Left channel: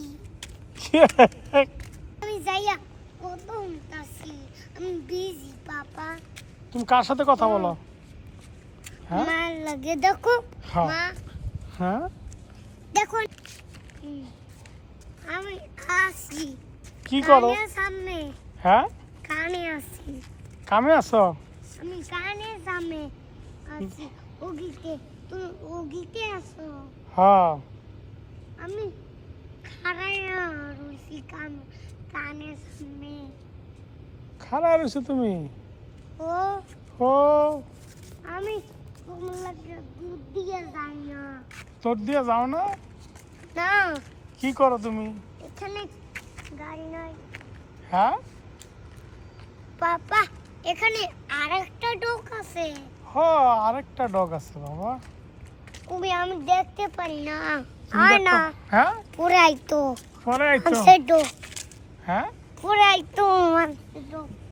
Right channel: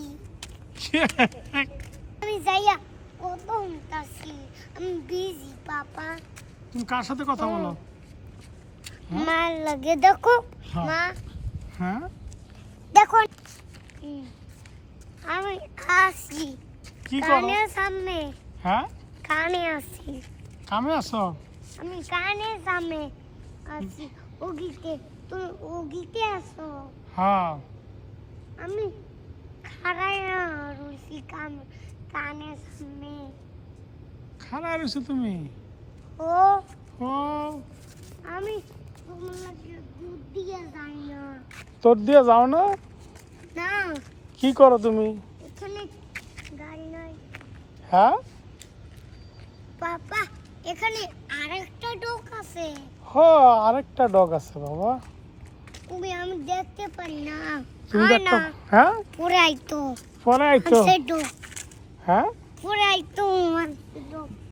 আসি আমি যাইয়া কত আসি আমি বিজি পাপা তুমি কার সাথে কথা বলো? হ্যাঁ? মা লাগে দেখো হ্যাঁ। মা হ্যাঁ দেখো আমি আসি কি করো? কানের সামনে হ্যাঁ কানে আসি কামে আসো? আমি কানের সামনে আসি ওগিতে তুমি ওগিতে আসো হ্যাঁ আমি খাড়াইয়া রইছি কানের সামনে খারাপ রয়েছো তুমি? ও ও আমি তোমার লাগে দুধ দিয়ে যাই না তোর দিয়ে যাও না? না কি করো তুমি? এখানে গাড়ি নাই হ্যাঁ পাপা এখানে আরেকটা ডোক আছে আরেকটা ডগ আছে বাবা। ওই আমি দেখতে পারি না তুমি আর না দেখতে- হ্যাঁ পুরাই তো পড়াই তো। আমি সে ডোক হ্যাঁ পুরাই তো আমার ডোক